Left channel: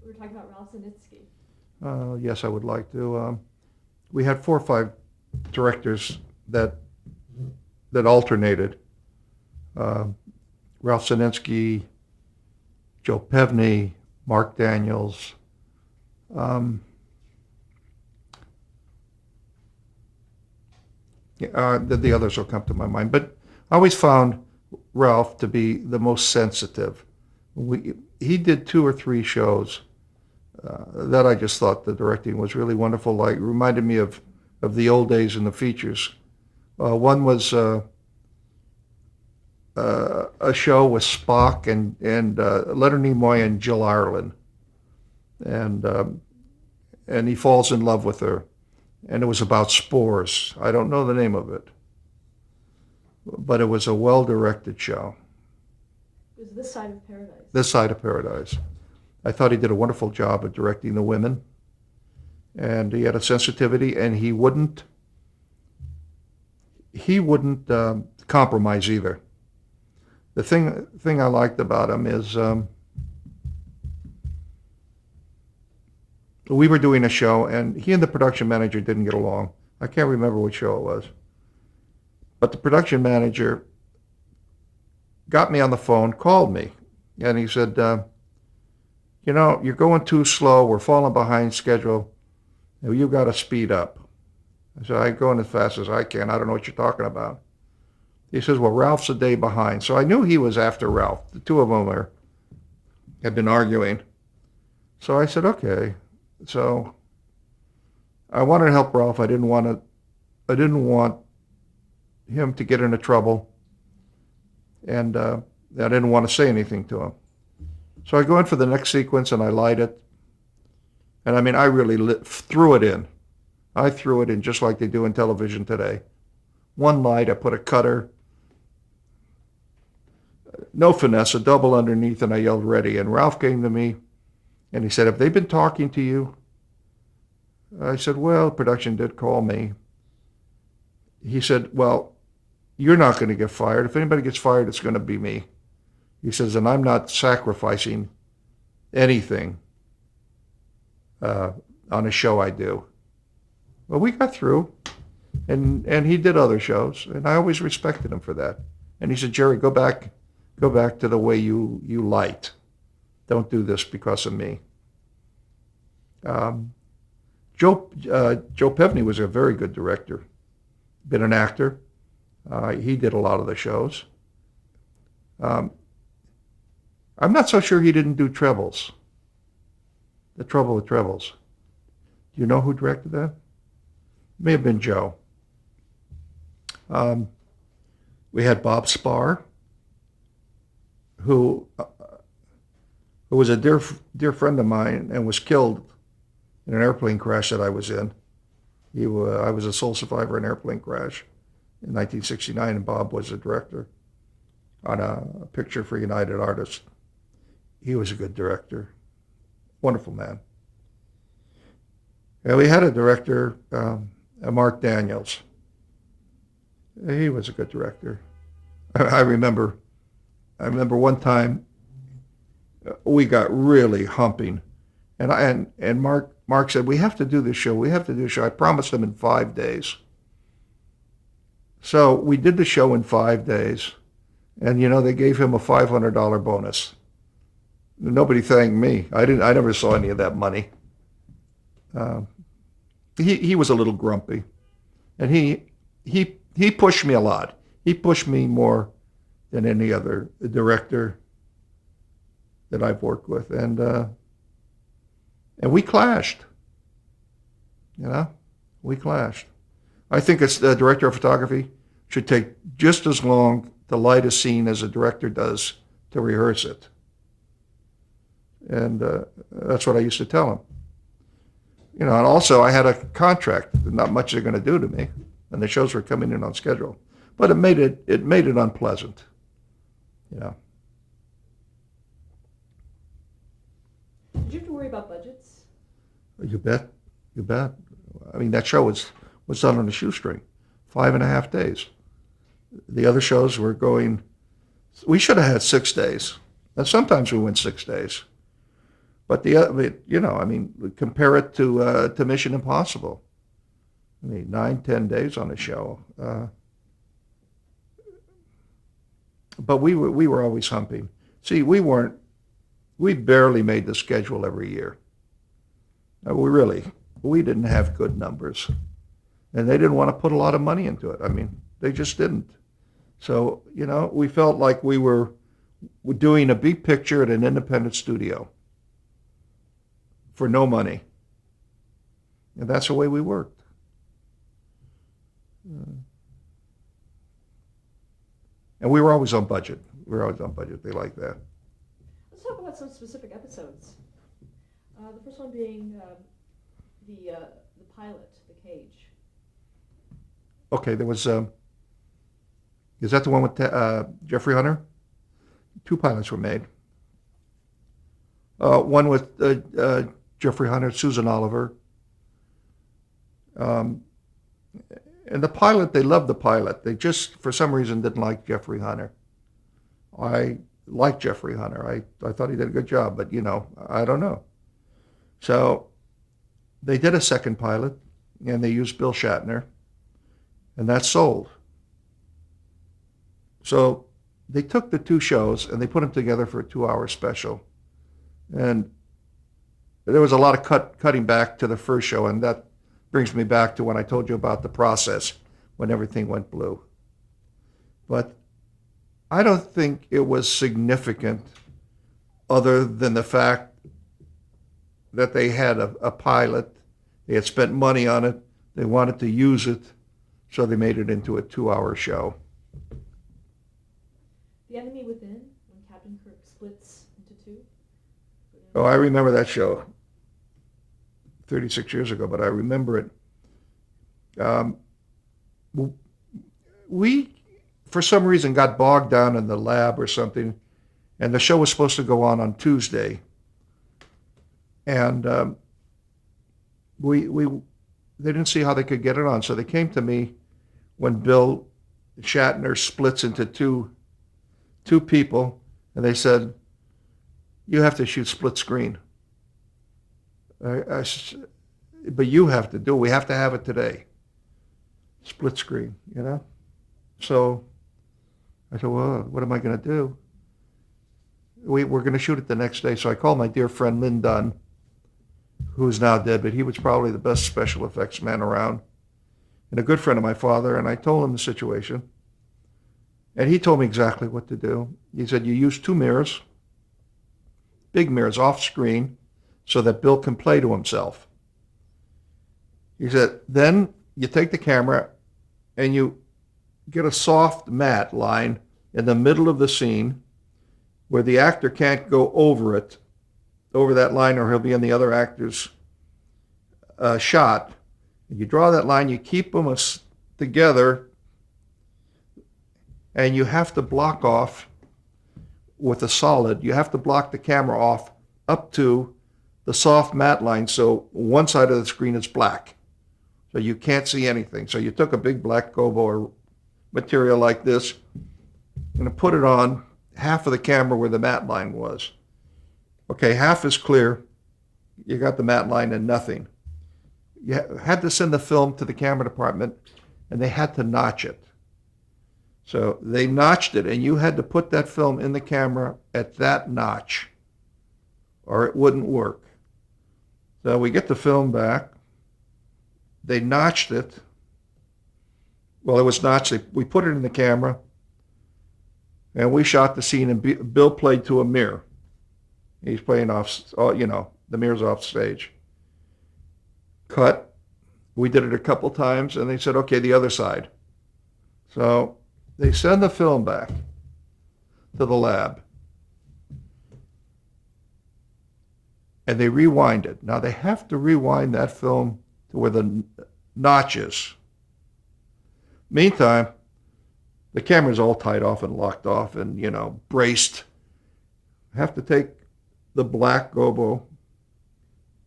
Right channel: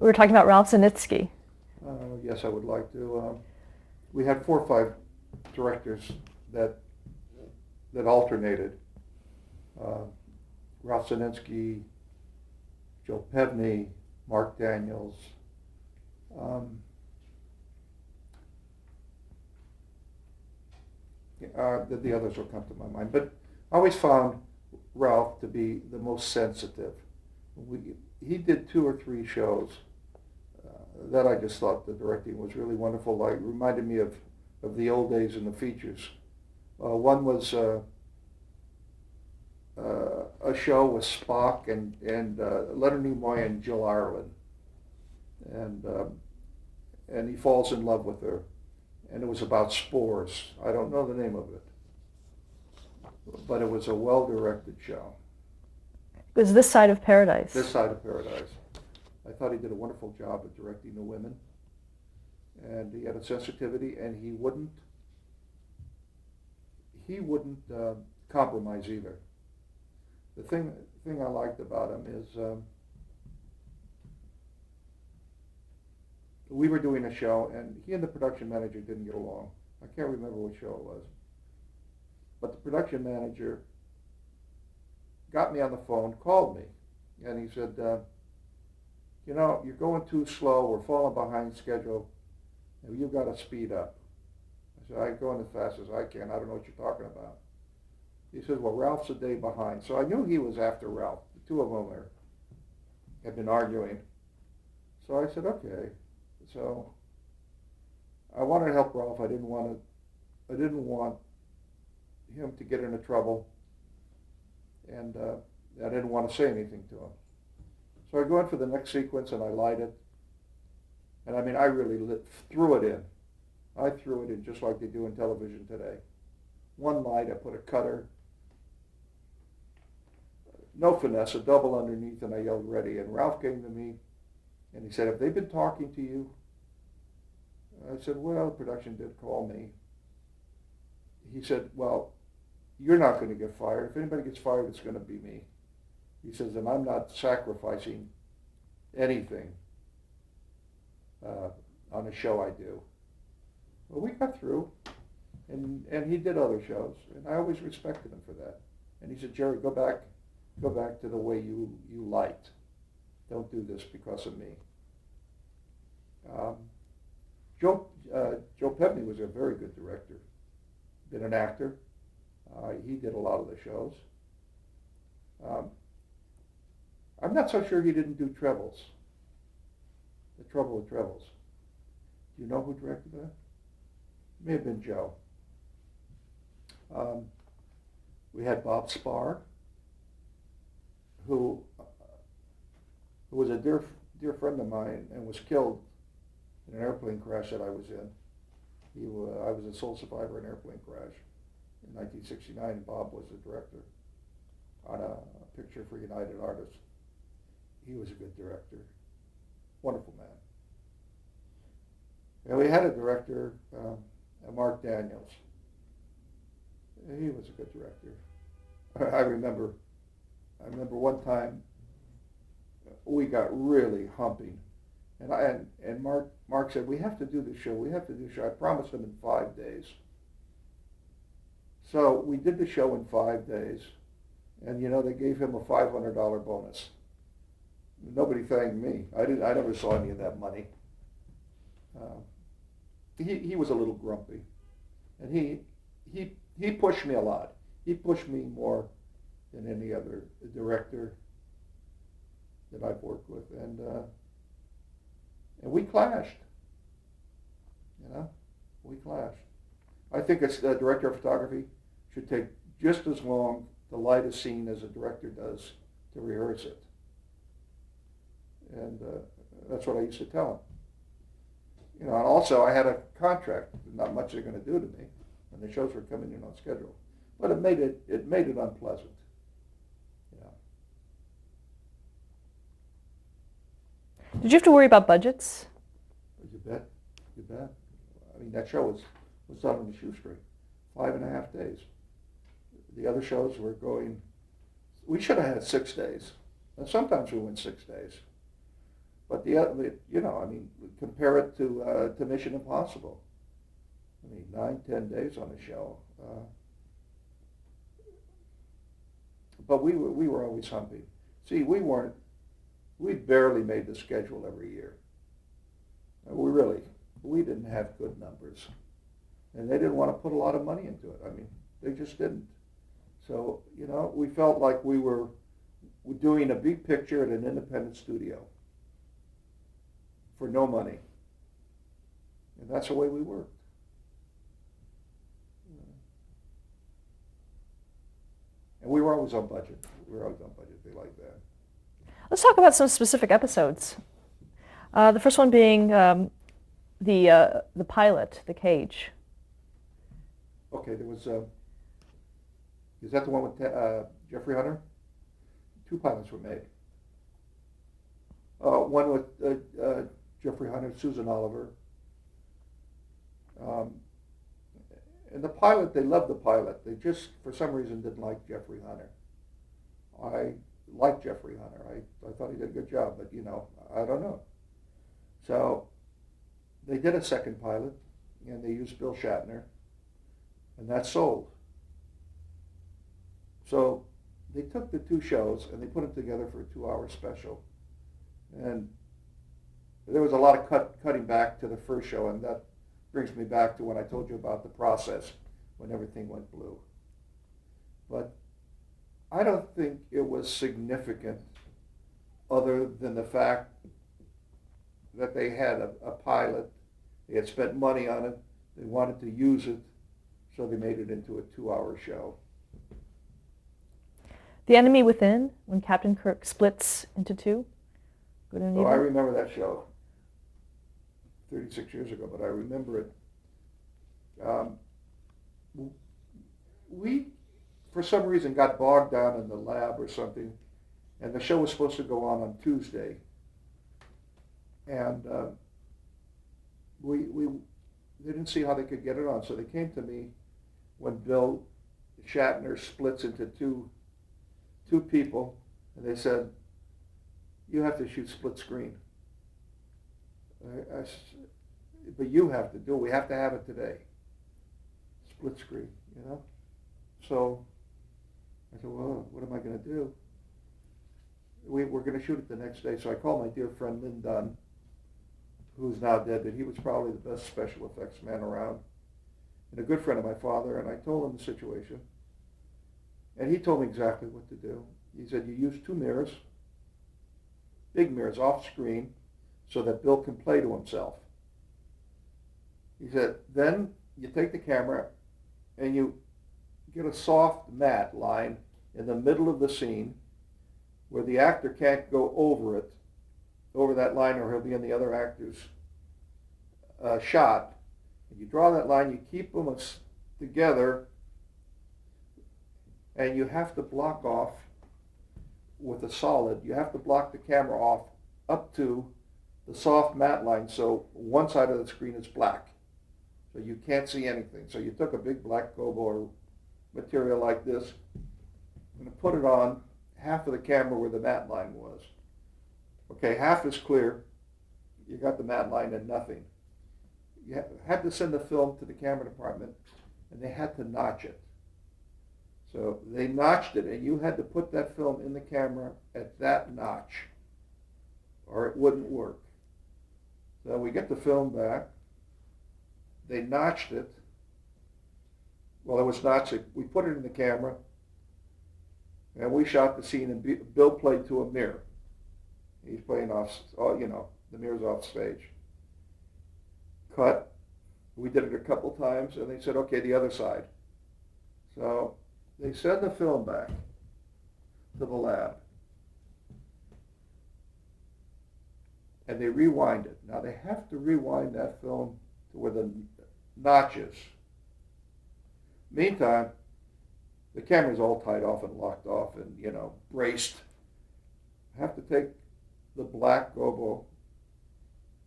We're talking about Ralph Zinitsky. Yes, I would like to. We had 4 or 5 directors that alternated. Uh, Ralph Sinensky, Joe Pevney, Mark Daniels. Um, the others will come to my mind, but I always found Ralph to be the most sensitive. He did 2 or 3 shows that I just thought the directing was really wonderful. Like reminded me of the old days in the features. One was a show with Spock and Leonard Nimoy and Jill Ireland, and he falls in love with her, and it was about spores. I don't know the name of it, but it was a well-directed show. It was This Side of Paradise. This Side of Paradise. I thought he did a wonderful job of directing the women, and he had a sensitivity, and he wouldn't compromise either. The thing I liked about him is we were doing a show, and he and the production manager didn't get along. I can't remember what show it was, but the production manager got me on the phone, called me, and he said, you're going too slow. We're falling behind schedule. You got to speed up. I said, I'm going as fast as I can. I don't know what you're talking about. He says, well, Ralph's a day behind. So I knew he was after Ralph. The two of them had been arguing. So I said, okay. So I wanted to help Ralph. I didn't want him to get into trouble. And I didn't want to say anything to him. So I go in for the next sequence and I light it. And I mean, I really threw it in. I threw it in just like they do in television today. One light, I put a cutter, no finesse, a double underneath, and I yelled ready. And Ralph came to me and he said, have they been talking to you? I said, well, production did call me. He said, well, you're not going to get fired. If anybody gets fired, it's going to be me. He says, and I'm not sacrificing anything on a show I do. Well, we got through, and he did other shows, and I always respected him for that. And he said, Jerry, go back to the way you light. Don't do this because of me. Joe Pevney was a very good director. Been an actor. He did a lot of the shows. I'm not so sure he didn't do trebles. The Trouble with Trebles. Do you know who directed that? May have been Joe. We had Bob Spar, who was a dear friend of mine and was killed in an airplane crash that I was in. I was a sole survivor in an airplane crash in 1969, and Bob was a director on a picture for United Artists. He was a good director. Wonderful man. And we had a director, Mark Daniels. He was a good director. I remember one time we got really humping, and Mark said, we have to do this show. We have to do the show. I promised him in 5 days. So we did the show in 5 days, and they gave him a $500 bonus. Nobody thanked me. I never saw any of that money. He was a little grumpy, and he pushed me a lot. He pushed me more than any other director that I've worked with, and we clashed. We clashed. I think it's the director of photography should take just as long to light a scene as a director does to rehearse it. And that's what I used to tell him. And also I had a contract, not much they're going to do to me, and the shows were coming in on schedule. But it made it unpleasant. Did you have to worry about budgets? You bet. I mean, that show was done on a shoestring, 5.5 days. The other shows were going, we should have had 6 days. And sometimes we went 6 days. But compare it to Mission Impossible. I mean, 9, 10 days on a show. But we were always humping. See, we barely made the schedule every year. We didn't have good numbers. And they didn't want to put a lot of money into it. I mean, they just didn't. So, we felt like we were doing a big picture at an independent studio for no money. And that's the way we worked. And we were always on budget. They like that. Let's talk about some specific episodes. The first one being the pilot, The Cage. Okay, there was, is that the one with Jeffrey Hunter? 2 pilots were made. One with Jeffrey Hunter, Susan Oliver. And the pilot, they loved the pilot. They just, for some reason, didn't like Jeffrey Hunter. I liked Jeffrey Hunter. I thought he did a good job, but, I don't know. So they did a second pilot, and they used Bill Shatner, and that sold. So they took the 2 shows, and they put them together for a 2-hour special. And there was a lot of cutting back to the first show, and that brings me back to when I told you about the process, when everything went blue. But I don't think it was significant other than the fact that they had a pilot. They had spent money on it. They wanted to use it, so they made it into a 2-hour show. The Enemy Within, when Captain Kirk splits into 2. Oh, I remember that show 36 years ago, but I remember it. We, for some reason, got bogged down in the lab or something, and the show was supposed to go on Tuesday. And they didn't see how they could get it on, so they came to me when Bill Shatner splits into two people, and they said, "You have to shoot split screen." But you have to do it. We have to have it today. Split screen, So I said, well, what am I going to do? We're going to shoot it the next day. So I called my dear friend Lynn Dunn, who is now dead, but he was probably the best special effects man around, and a good friend of my father, and I told him the situation. And he told me exactly what to do. He said, you use 2 mirrors, big mirrors off screen, so that Bill can play to himself. He said, then you take the camera and you get a soft matte line in the middle of the scene where the actor can't go over that line, or he'll be in the other actor's shot. And you draw that line, you keep them together, and you have to block off with a solid. You have to block the camera off up to the soft matte line, so one side of the screen is black, so you can't see anything. So you took a big black gobo or material like this and put it on half of the camera where the matte line was. Okay, half is clear. You got the matte line and nothing. You had to send the film to the camera department, and they had to notch it. So they notched it, and you had to put that film in the camera at that notch, or it wouldn't work. So we get the film back. They notched it. Well, it was notched. We put it in the camera, and we shot the scene, and Bill played to a mirror. He's playing off, the mirror's off stage. Cut. We did it a couple times, and they said, okay, the other side. So they send the film back to the lab, and they rewind it. Now they have to rewind that film to where the notch is. Meantime, the camera's all tied off and locked off and, braced. Have to take the black gobo,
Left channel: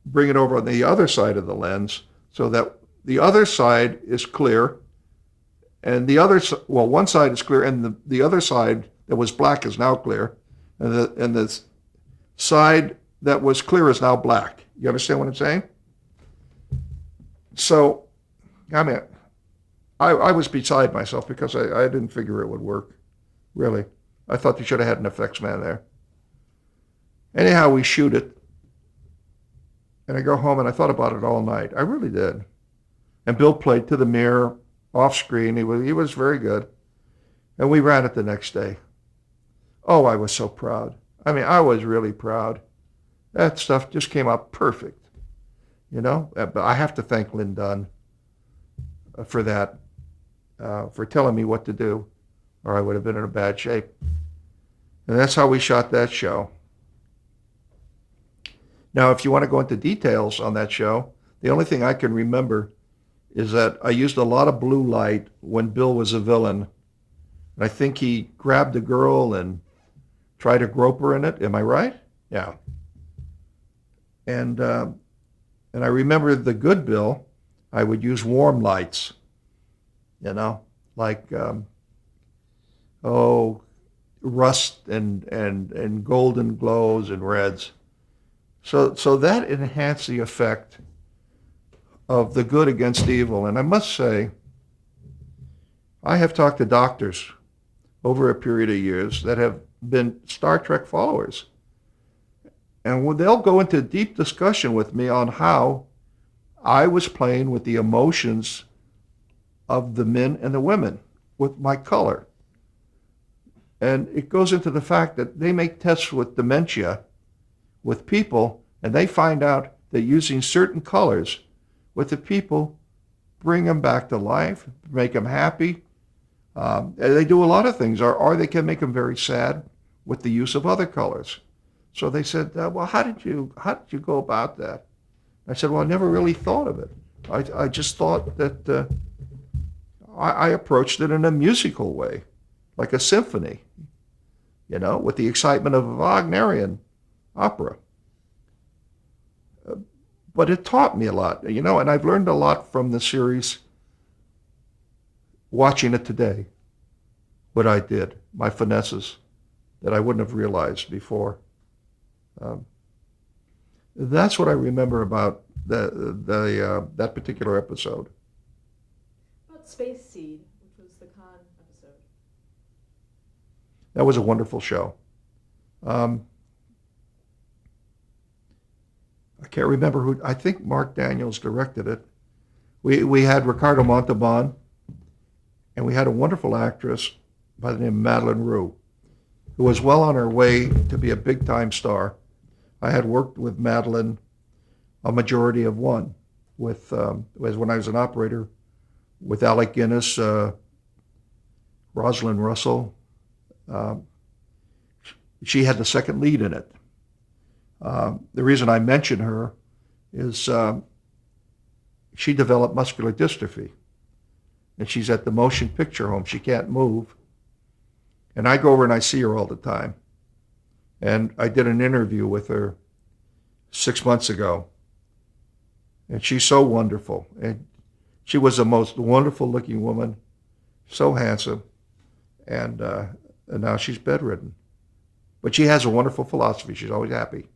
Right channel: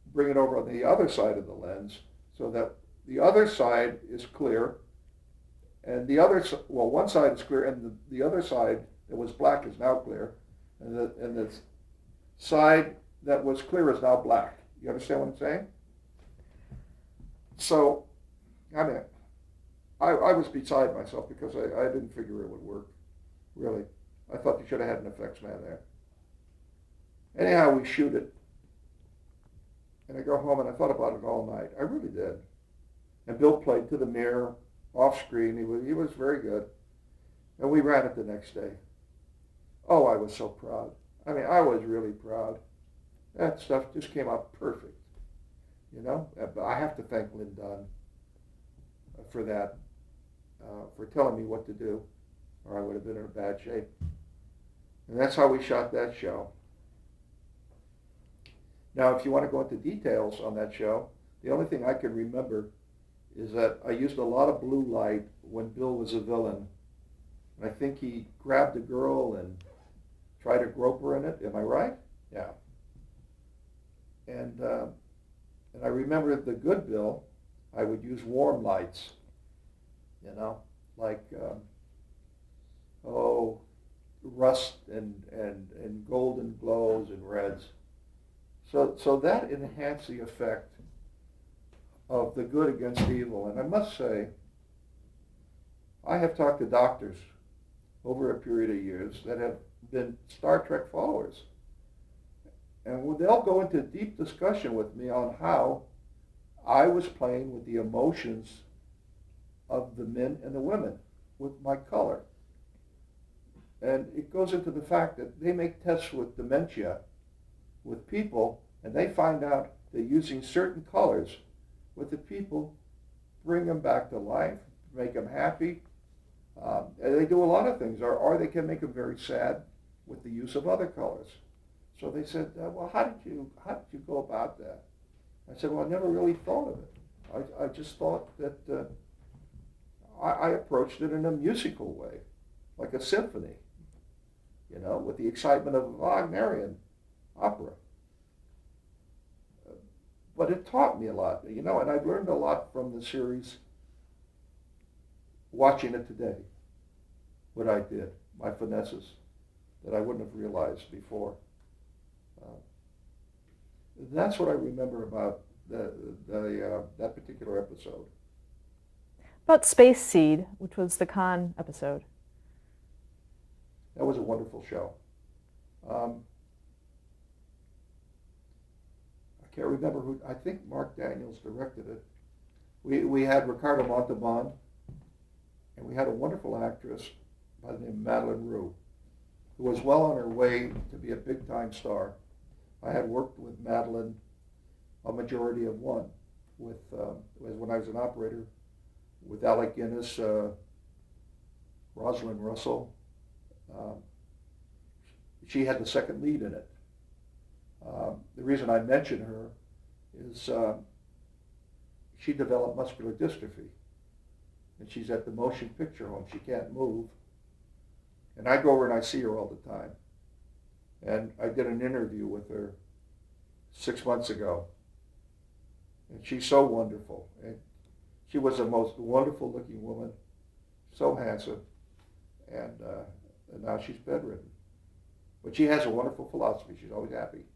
bring it over on the other side of the lens so that the other side is clear, and one side is clear, and the other side that was black is now clear, and the side that was clear is now black. You understand what I'm saying? So, I mean, I was beside myself because I didn't figure it would work, really. I thought they should have had an effects man there. Anyhow, we shoot it, and I go home and I thought about it all night. I really did. And Bill played to the mirror, off screen. He was very good. And we ran it the next day. Oh, I was so proud. I mean, I was really proud. That stuff just came out perfect, you know. But I have to thank Lynn Dunn for that, for telling me what to do, or I would have been in a bad shape. And that's how we shot that show. Now, if you want to go into details on that show, the only thing I can remember is that I used a lot of blue light when Bill was a villain. And I think he grabbed a girl and tried to grope her in it. Am I right? Yeah. And I remember the good Bill, I would use warm lights, you know, like rust and golden glows and reds. So that enhanced the effect of the good against evil. And I must say, I have talked to doctors over a period of years that have been Star Trek followers. And they'll go into deep discussion with me on how I was playing with the emotions of the men and the women with my color. And it goes into the fact that they make tests with dementia with people, and they find out that using certain colors with the people bring them back to life, make them happy. They do a lot of things, or they can make them very sad with the use of other colors. So they said, well, how did you go about that? I said, well, I never really thought of it. I just thought that I approached it in a musical way, like a symphony, you know, with the excitement of a Wagnerian opera. But it taught me a lot, you know, and I've learned a lot from the series watching it today, what I did, my finesses that I wouldn't have realized before. That's what I remember about that particular episode. About Space Seed, which was the Khan episode. That was a wonderful show. I can't remember who. I think Mark Daniels directed it. We had Ricardo Montalban, and we had a wonderful actress by the name of Madeline Rue, who was well on her way to be a big-time star. I had worked with Madeline a majority of one, with when I was an operator, with Alec Guinness, Rosalind Russell. She had the second lead in it. The reason I mention her is she developed muscular dystrophy, and she's at the motion picture home. She can't move. And I go over and I see her all the time. And I did an interview with her 6 months ago. And she's so wonderful. And she was the most wonderful looking woman, so handsome. And now she's bedridden. But she has a wonderful philosophy. She's always happy.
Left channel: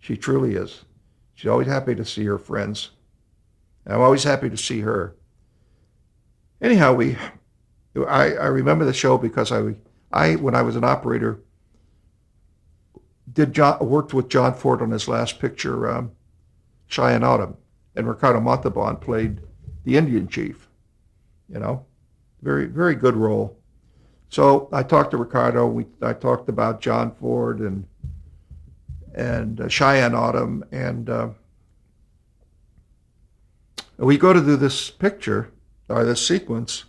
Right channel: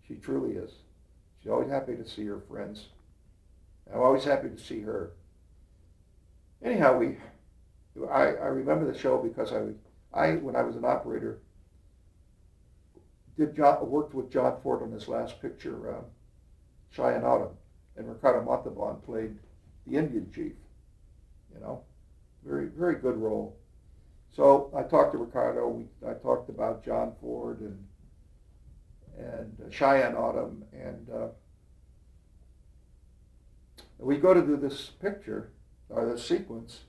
She truly is. She's always happy to see her friends. And I'm always happy to see her. Anyhow, I remember the show because I when I was an operator, worked with John Ford on his last picture, Cheyenne Autumn, and Ricardo Montalban played the Indian chief. You know, very, very good role. So I talked to Ricardo. I talked about John Ford and Cheyenne Autumn, and we go to do this picture, or this sequence,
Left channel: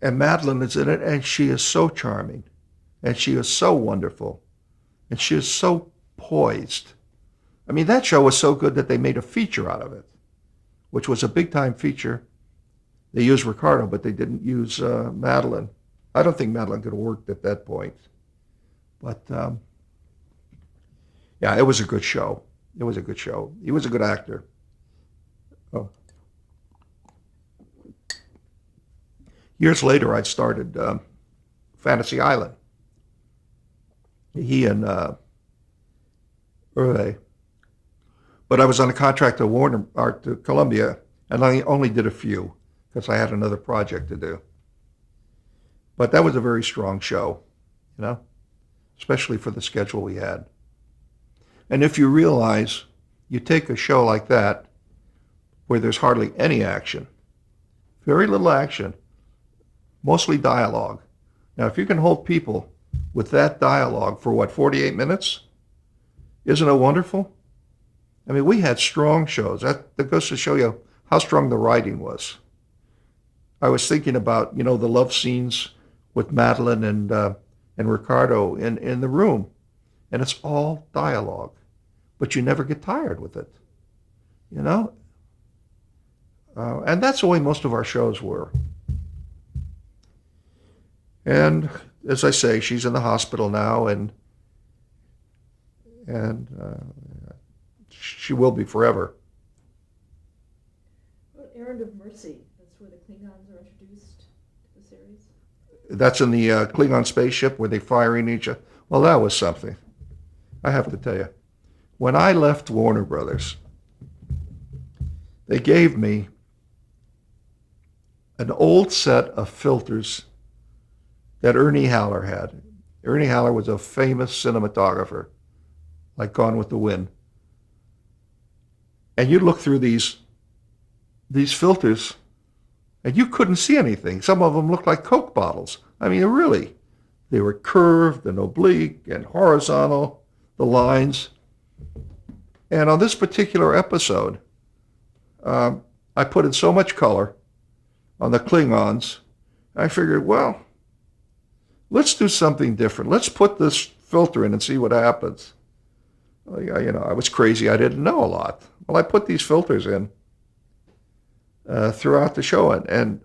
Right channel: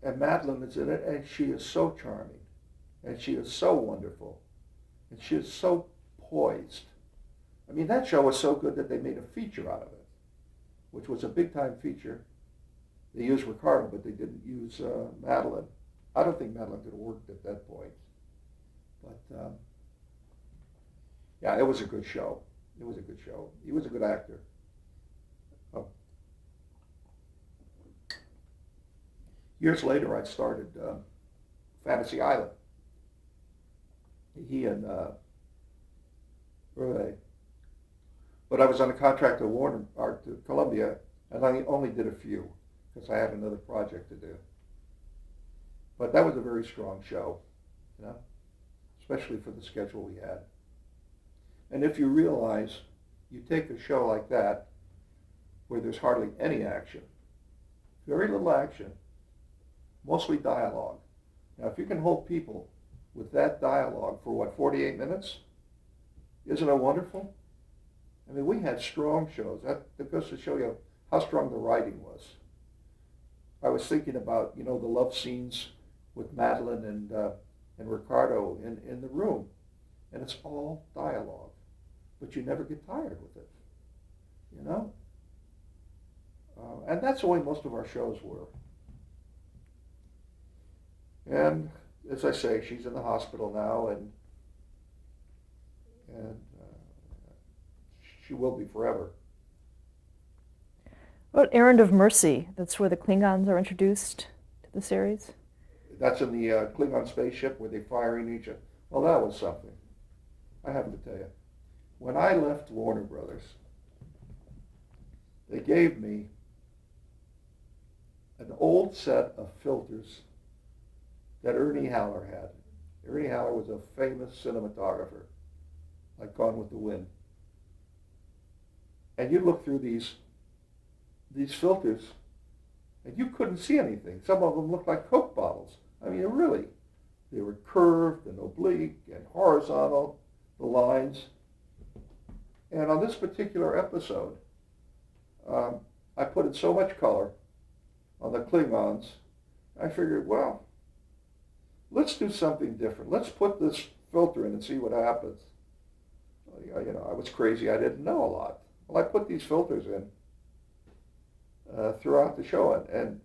and Madeline is in it, and she is so charming, and she is so wonderful, and she is so poised. I mean, that show was so good that they made a feature out of it, which was a big-time feature. They used Ricardo, but they didn't use Madeline. I don't think Madeline could have worked at that point. But, yeah, it was a good show. It was a good show. He was a good actor. Oh. Years later, I started Fantasy Island. He and Right. But I was on a contract to Warner or to Columbia, and I only did a few because I had another project to do. But that was a very strong show, you know, especially for the schedule we had. And if you realize you take a show like that where there's hardly any action, very little action, mostly dialogue. Now, if you can hold people with that dialogue for what, 48 minutes? Isn't it wonderful? I mean, we had strong shows. That goes to show you how strong the writing was. I was thinking about, the love scenes with Madeline and Ricardo in the room, and it's all dialogue, but you never get tired with it, you know. And that's the way most of our shows were. And as I say, she's in the hospital now, and she will be forever. What about Errand of Mercy? That's where the Klingons are introduced to the series. That's in the Klingon spaceship where they firing each other. Well, that was something. I have to tell you, when I left Warner Brothers, they gave me an old set of filters that Ernie Haller had. Ernie Haller was a famous cinematographer, like Gone with the Wind. And you'd look through these filters, and you couldn't see anything. Some of them looked like Coke bottles. I mean, really, they were curved and oblique and horizontal, the lines. And on this particular episode, I put in so much color on the Klingons. I figured, well, let's do something different. Let's put this filter in and see what happens. Well, I was crazy. I didn't know a lot. Well, I put these filters in throughout the show, and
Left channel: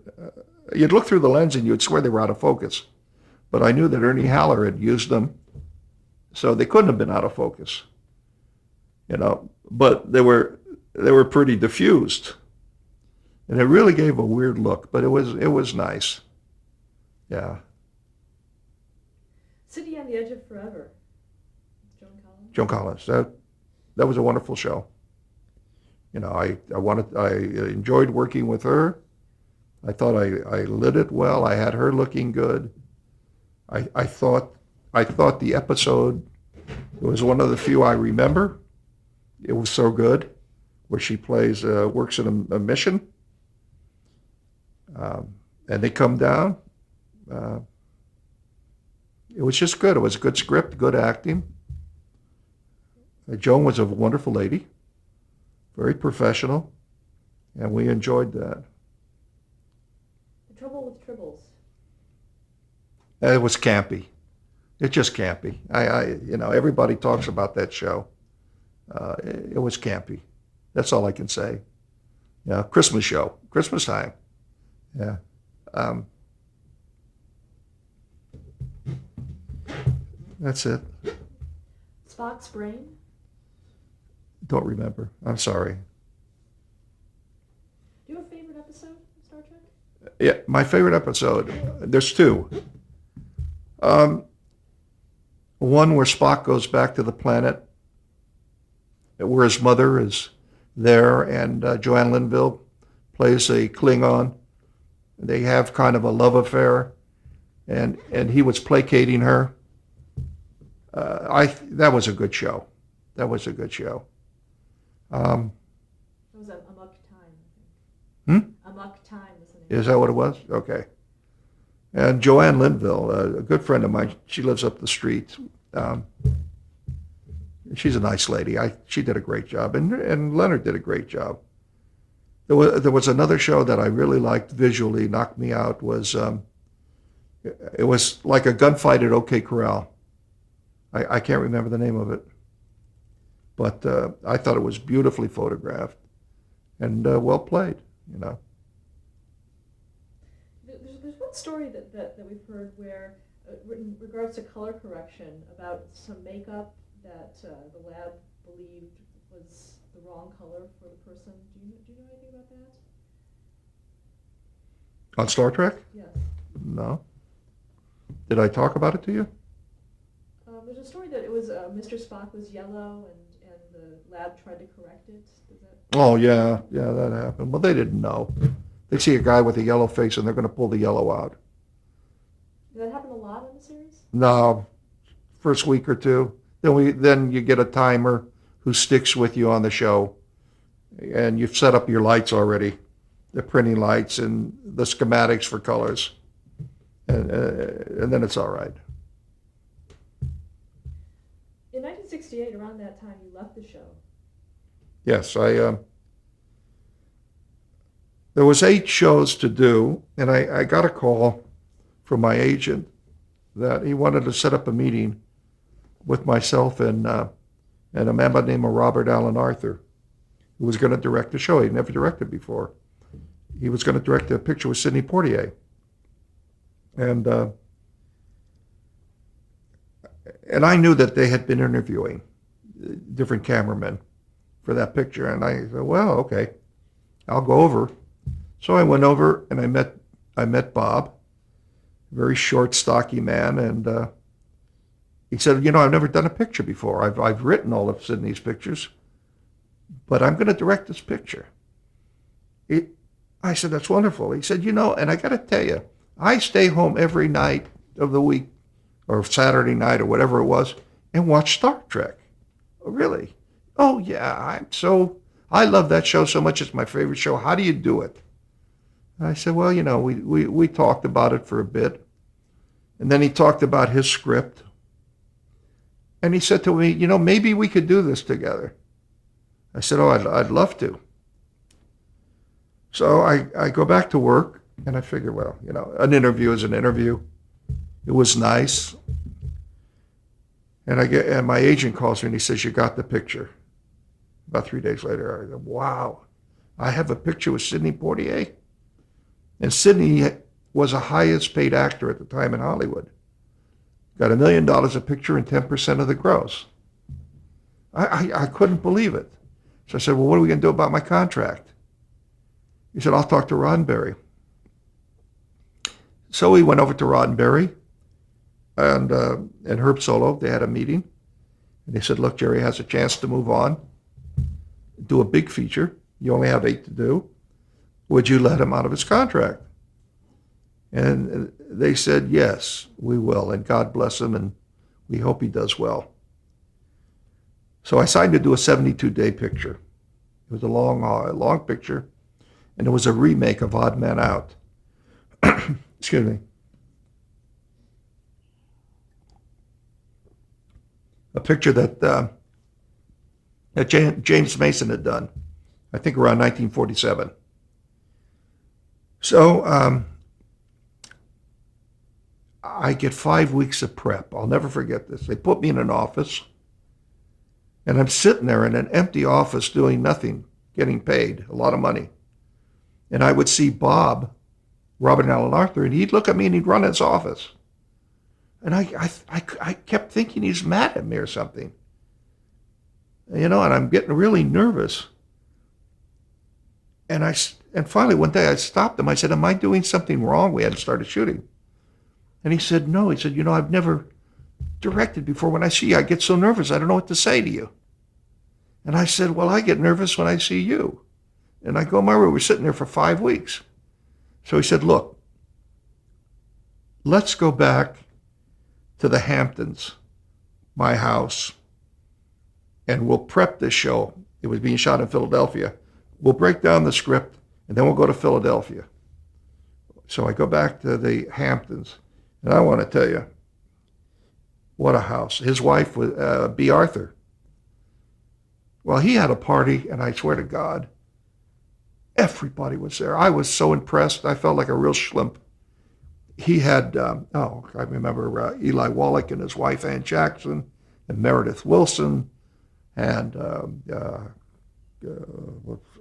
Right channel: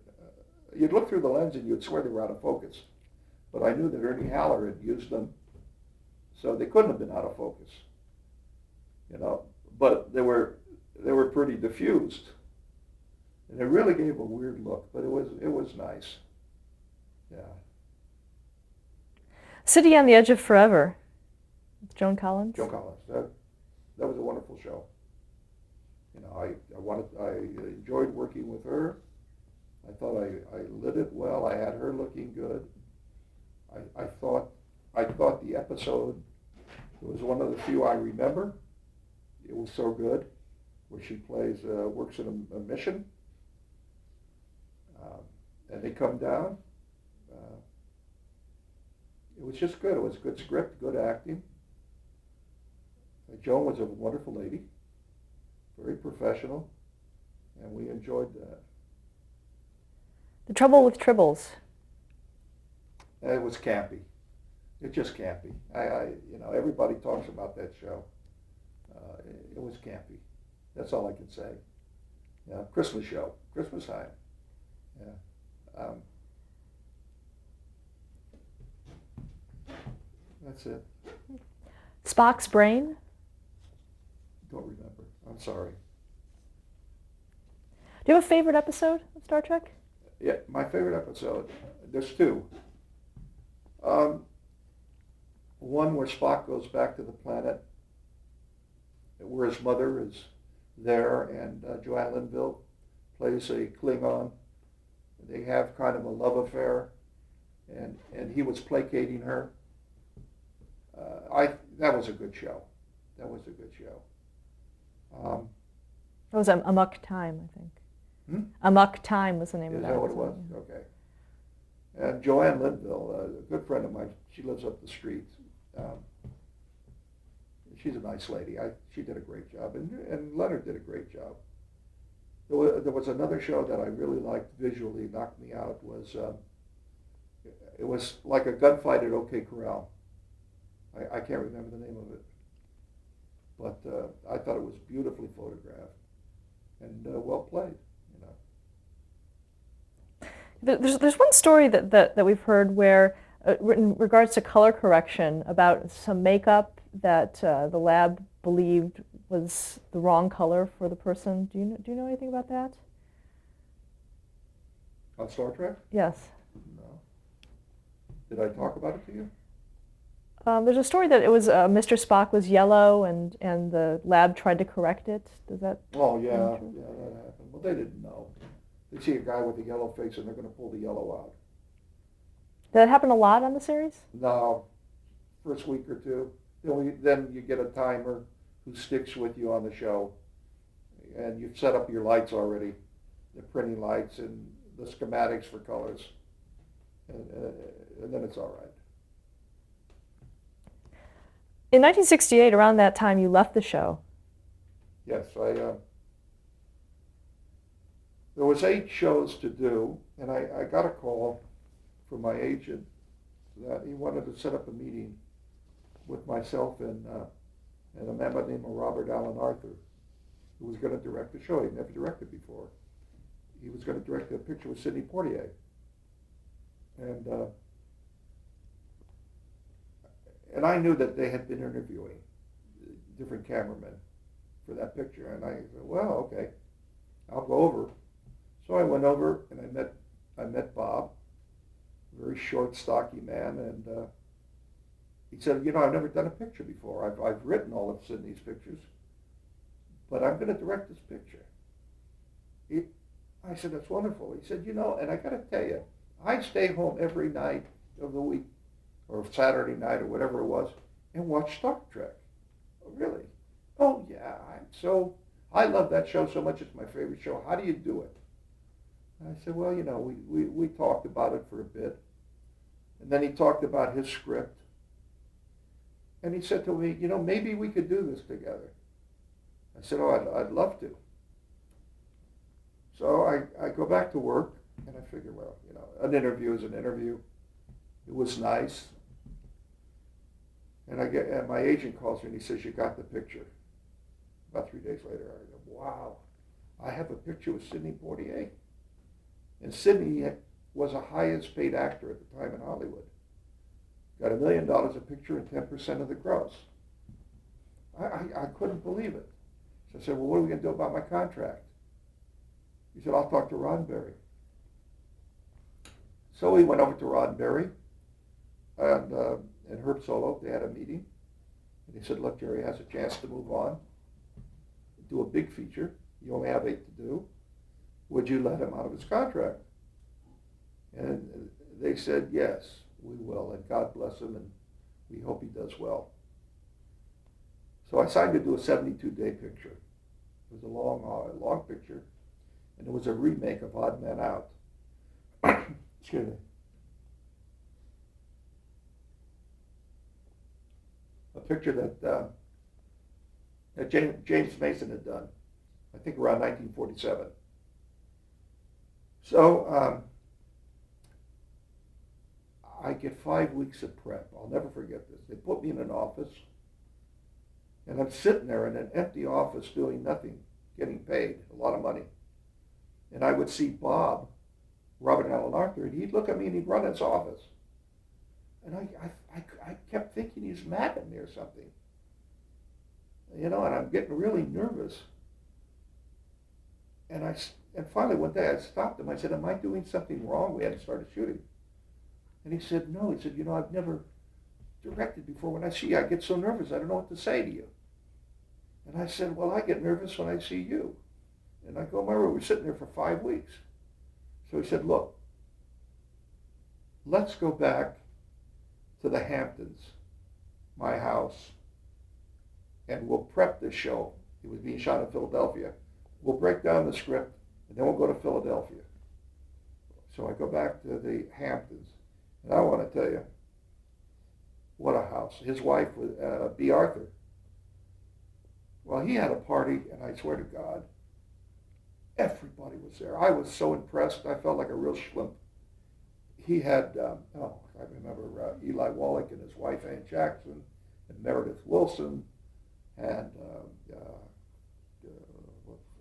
you'd look through the lens and you'd swear they were out of focus. But I knew that Ernie Haller had used them, so they couldn't have been out of focus. But they were pretty diffused, and it really gave a weird look. But it was nice. Yeah. City on the Edge of Forever. Joan Collins. Joan Collins. That was a wonderful show. I enjoyed working with her. I thought I lit it well. I had her looking good. I thought the episode, it was one of the few I remember. It was so good, where she plays works in a mission, and they come down. It was just good. It was a good script, good acting. Joan was a wonderful lady, very professional, and we enjoyed that. The Trouble with Tribbles. It was campy. It's just campy. Everybody talks about that show. It was campy. That's all I can say. Yeah, Christmas show, Christmas time. Yeah. That's it. Spock's Brain. Don't remember. I'm sorry. Do you have a favorite episode of Star Trek? Yeah, my favorite episode, there's two. One where Spock goes back to the planet where his mother is there, and Joanne Linville plays a Klingon. They have kind of a love affair, and he was placating her. That was a good show. That was a good show. That was Amok Time, I think. Amok Time was the name. Is that what it was? Okay. And Joanne Linville, a good friend of mine, she lives up the street. She's a nice lady. She did a great job, and Leonard did a great job. There was another show that I really liked visually, knocked me out. It was like a gunfight at OK Corral. I can't remember the name of it, but I thought it was beautifully photographed and well played. There's one story that we've heard where, in regards to color correction, about some makeup that the lab believed was the wrong color for the person. Do you know anything about that? On Star Trek? Yes. No. Did I talk about it to you? There's a story that it was Mr. Spock was yellow and the lab tried to correct it. Does that? Oh, yeah, yeah, that happened. Well, they didn't know. They see a guy with a yellow face and they're going to pull the yellow out. Did that happen a lot on the series? No, first week or two. Then you get a timer who sticks with you on the show, and you've set up your lights already, the printing lights and the schematics for colors, and then it's all right. In 1968, around that time, you left the show. Yes, there was 8 shows to do, and I got a call from my agent that he wanted to set up a meeting with myself and a man by the name of Robert Allen Arthur, who was going to direct the show. He'd never directed before. He was going to direct a picture with Sidney Poitier. And I knew that they had been interviewing different cameramen for that picture. And I said, well, okay, I'll go over. So I went over and I met Bob, very short, stocky man, and he said, I've never done a picture before. I've written all of Sidney's pictures, but I'm going to direct this picture. I said, that's wonderful. He said, and I got to tell you, I stay home every night of the week or Saturday night or whatever it was and watch Star Trek. Oh, really? Oh, yeah. I love that show so much. It's my favorite show. How do you do it? I said, well, we talked about it for a bit. And then he talked about his script. And he said to me, maybe we could do this together. I said, oh, I'd love to. So I go back to work and I figure, well, an interview is an interview. It was nice. And my agent calls me and he says, you got the picture. About 3 days later, I go, wow, I have a picture with Sidney Poitier. And Sidney was the highest paid actor at the time in Hollywood. Got $1 million a picture and 10% of the gross. I couldn't believe it. So I said, well, what are we going to do about my contract? He said, I'll talk to Roddenberry. So we went over to Roddenberry and Herb Solo. They had a meeting. And they said, look, Jerry has a chance to move on, do a big feature. You only have 8 to do. Would you let him out of his contract? And they said, yes, we will. And God bless him. And we hope he does well. So I signed to do a 72-day picture. It was a long picture. And it was a remake of Odd Man Out. Excuse me. A picture that James Mason had done, I think around 1947. So I get 5 weeks of prep. I'll never forget this. They put me in an office, and I'm sitting there in an empty office doing nothing, getting paid a lot of money. And I would see Bob, Robert Allen Arthur, and he'd look at me and he'd run his office. And I kept thinking he's mad at me or something. And I'm getting really nervous. And finally one day I stopped him. I said, am I doing something wrong? We hadn't started shooting. And he said, no. He said, I've never directed before. When I see you, I get so nervous. I don't know what to say to you. And I said, well, I get nervous when I see you. And I go in my room. We're sitting there for 5 weeks. So he said, look, let's go back to the Hamptons, my house, and we'll prep this show. It was being shot in Philadelphia. We'll break down the script, and then we'll go to Philadelphia. So I go back to the Hamptons, and I want to tell you, what a house. His wife was B. Arthur. Well, he had a party, and I swear to God, everybody was there. I was so impressed. I felt like a real schlimp. He had, I remember Eli Wallach and his wife, Ann Jackson, and Meredith Wilson, and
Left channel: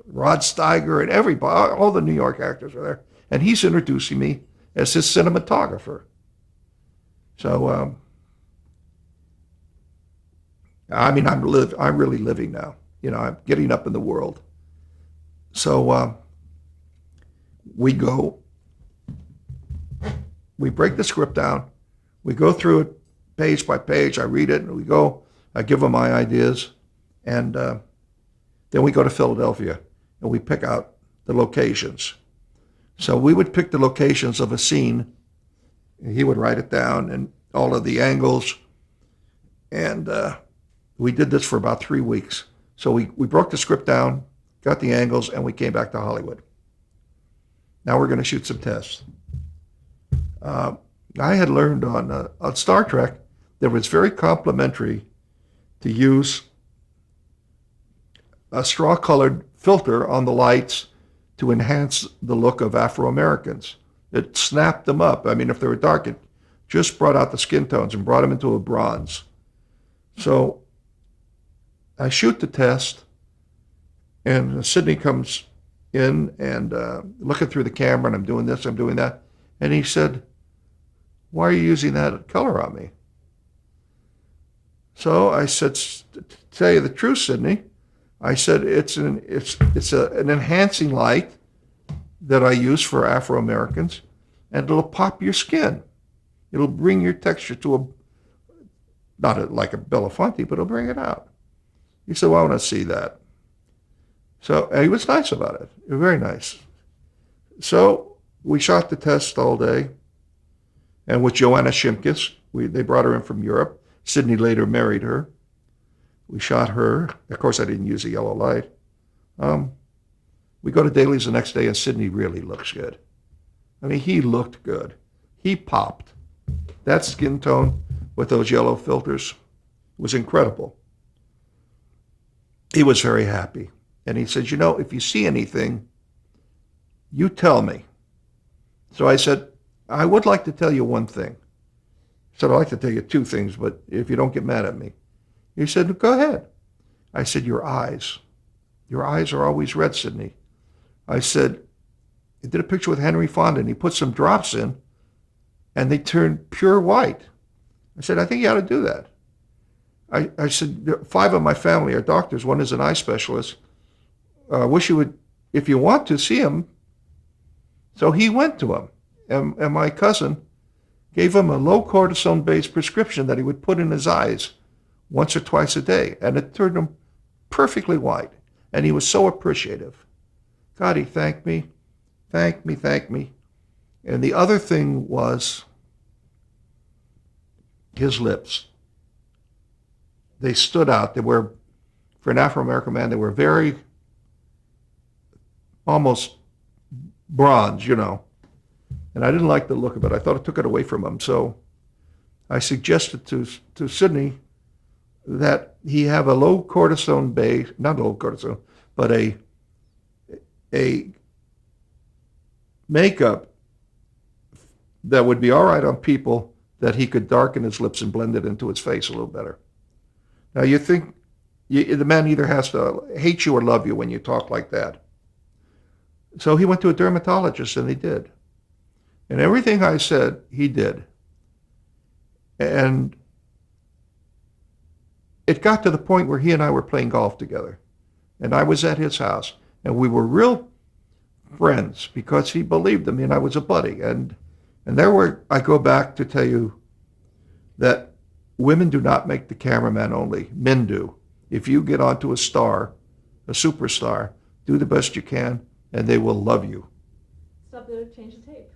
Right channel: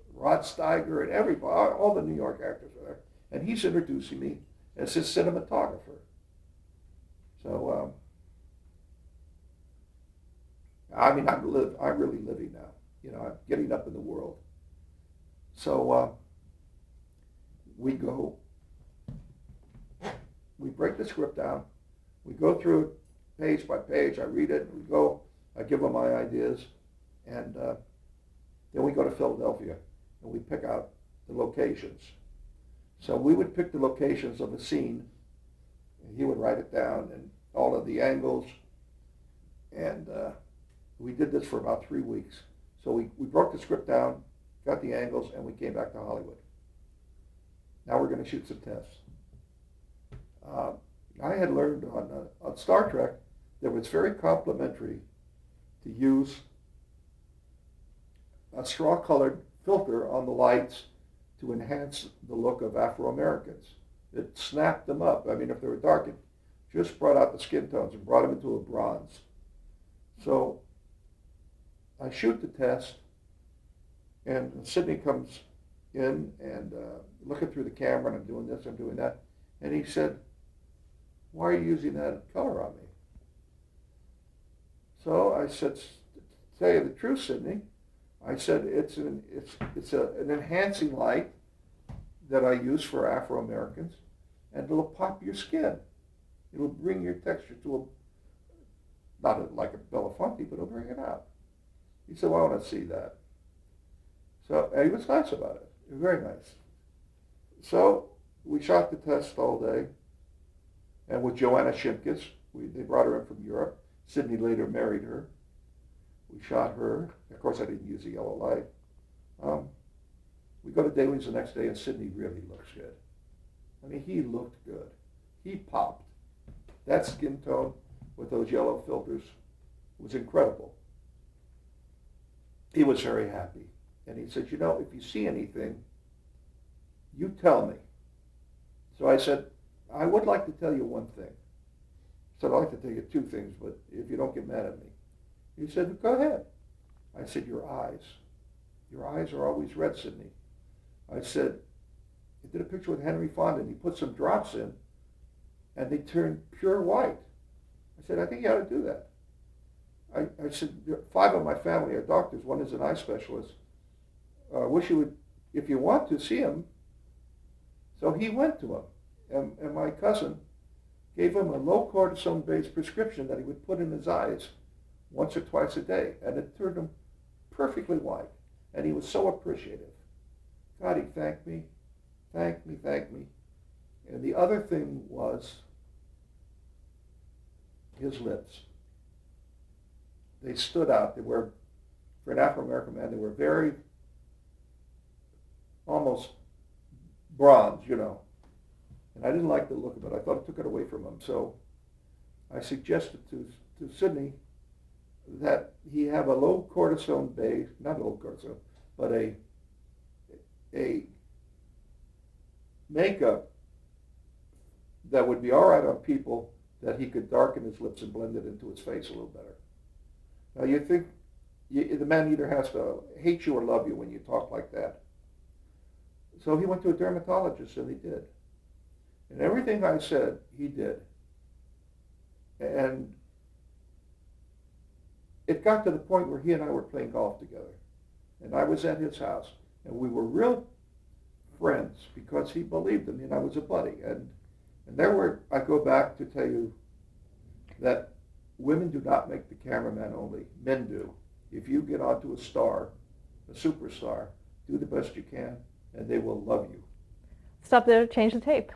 Rod Steiger, and everybody, all the New York actors were there. And he's introducing me as his cinematographer. So, I'm really living now. I'm getting up in the world. So we break the script down, we go through it page by page. I read it, and we go. I give him my ideas, and then we go to Philadelphia, and we pick out the locations. So we would pick the locations of a scene, and he would write it down, and all of the angles. And we did this for about 3 weeks. So we broke the script down, got the angles, and we came back to Hollywood. Now we're going to shoot some tests. I had learned on Star Trek that it was very complimentary to use a straw-colored filter on the lights to enhance the look of Afro-Americans. It snapped them up. I mean, if they were dark, it just brought out the skin tones and brought them into a bronze. So I shoot the test, and Sidney comes in and looking through the camera, and I'm doing this, I'm doing that. And he said, "Why are you using that color on me?" So I said, "To tell you the truth, Sidney," I said, it's an enhancing light that I use for Afro-Americans, and it'll pop your skin. It'll bring your texture to like a Belafonte, but it'll bring it out." He said, "Well, I want to see that." So he was nice about it. Very nice. So we shot the test all day, and with Joanna Shimkus, they brought her in from Europe. Sidney later married her. We shot her. Of course, I didn't use a yellow light. We go to dailies the next day, and Sidney really looks good. I mean, he looked good. He popped. That skin tone with those yellow filters was incredible. He was very happy. And he said, "If you see anything, you tell me." So I said, "I would like to tell you one thing." I said, "I'd like to tell you two things, but if you don't get mad at me." He said, "Go ahead." I said, Your eyes are always red, Sidney." I said, "I did a picture with Henry Fonda, and he put some drops in, and they turned pure white." I said, "I think you ought to do that." I said, 5 of my family are doctors. One is an eye specialist. Wish you would, if you want to, see him. So he went to him, and my cousin gave him a low cortisone-based prescription that he would put in his eyes once or twice a day, and it turned him perfectly white, and he was so appreciative. God, he thanked me. And the other thing was his lips. They stood out. They were, for an Afro-American man, they were very, almost bronze, And I didn't like the look of it. I thought it took it away from him. So I suggested to Sidney that he have a low cortisone base, not low cortisone, but a makeup that would be all right on people, that he could darken his lips and blend it into his face a little better. Now you think the man either has to hate you or love you when you talk like that. So he went to a dermatologist, and he did. And everything I said, he did. And it got to the point where he and I were playing golf together. And I was at his house. And we were real friends because he believed in me and I was a buddy. And I go back to tell you that women do not make the cameraman only. Men do. If you get onto a star, a superstar, do the best you can, and they will love you. Stop there, change the tape.